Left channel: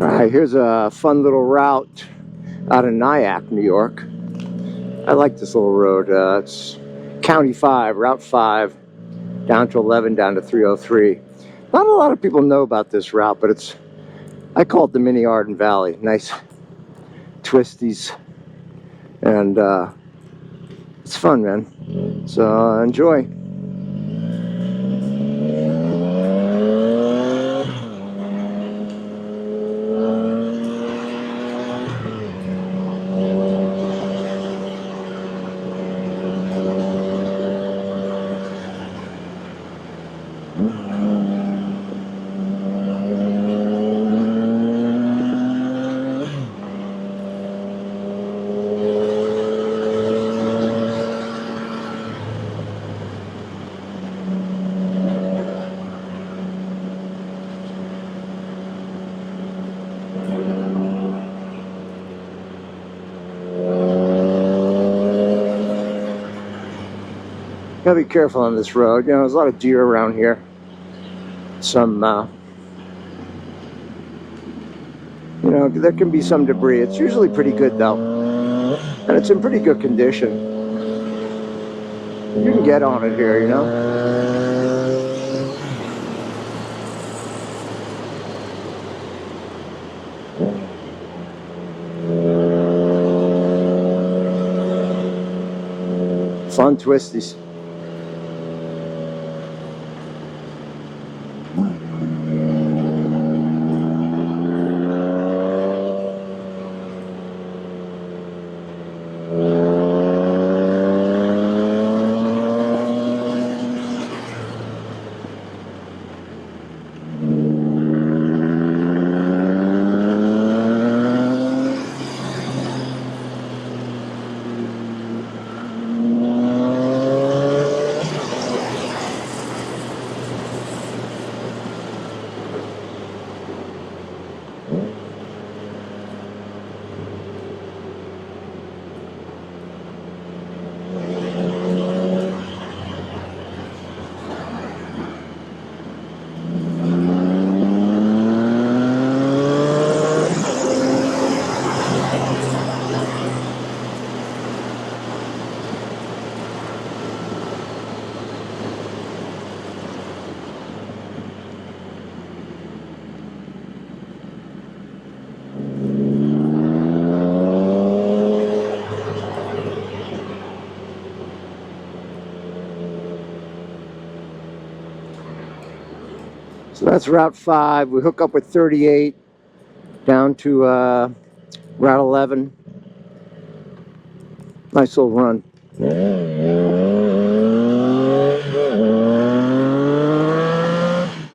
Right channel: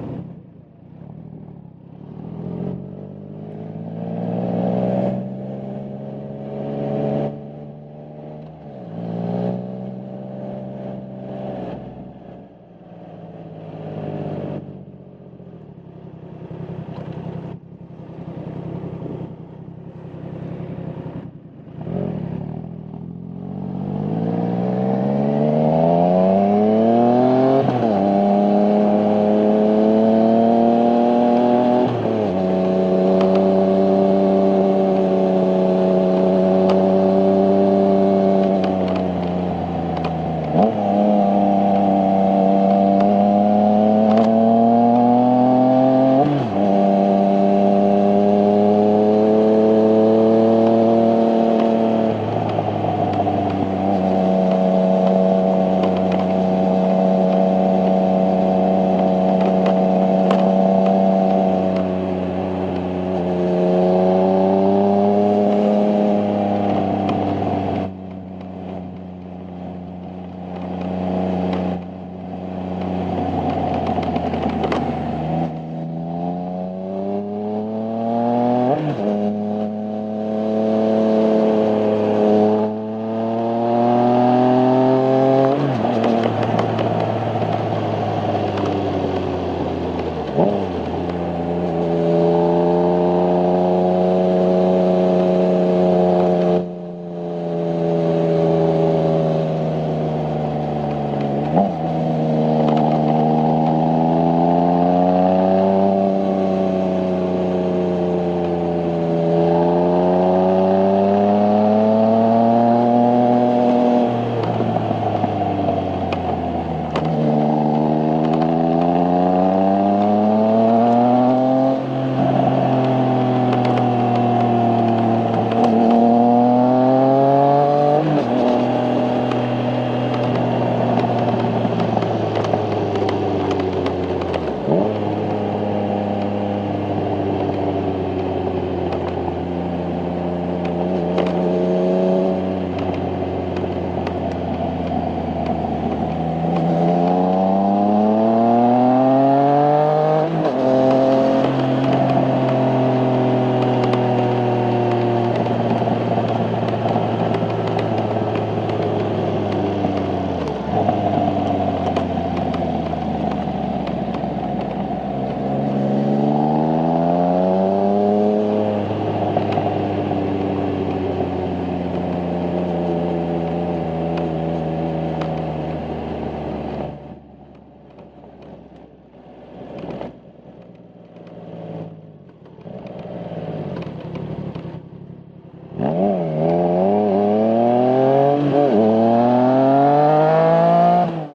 All right, here's a fun little route out of Nyack, New York. I like this little road. It's County 5, Route 5, down to 11, down to 303. Not a lot of people know about this route, but I call it the mini Arden Valley. Nice twisties, and it's fun, man. So enjoy. Gotta be careful on this road. You know, there's a lot of deer around here. Some, you know, there can be some debris. It's usually pretty good though, and it's in pretty good condition. You can get on it here, you know. Fun twisties. So that's Route 5. We hook up with 38 down to Route 11. Nice little run.